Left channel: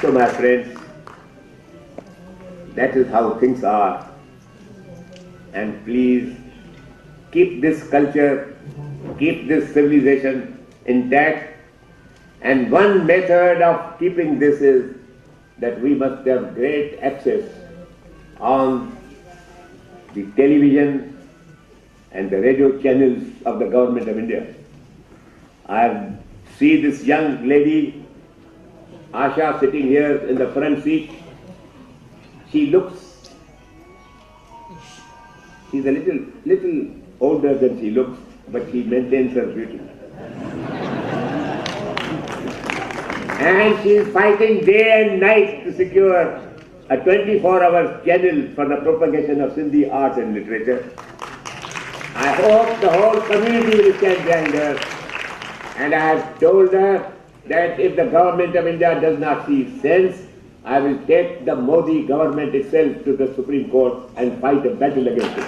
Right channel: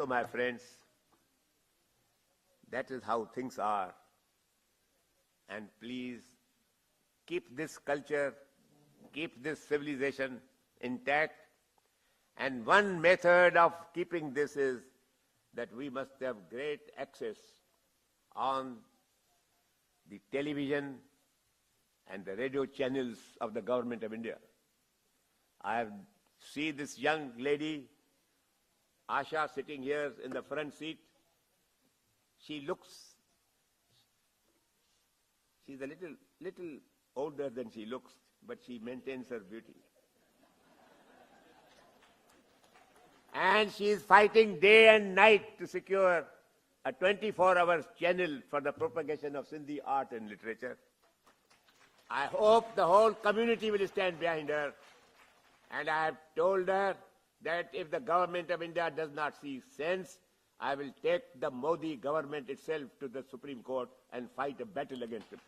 So, my friends, that is how things are. And please keep this culture, keep this civilization intact. And one method of keeping this is that we must have great access on the television and the radio channels of the Government of India. I see this young lady, Asha, sitting here in the front seat. She's a little older than she looks, but she maintains her beauty. And she is fighting day and night to secure a 24-hour channel for the propagation of Sindhi art and literature. I hope the whole community will stand behind her. And I have told her that if the Government of India does not see sense, I will take the Modi government itself to the Supreme Court and fight a battle against it.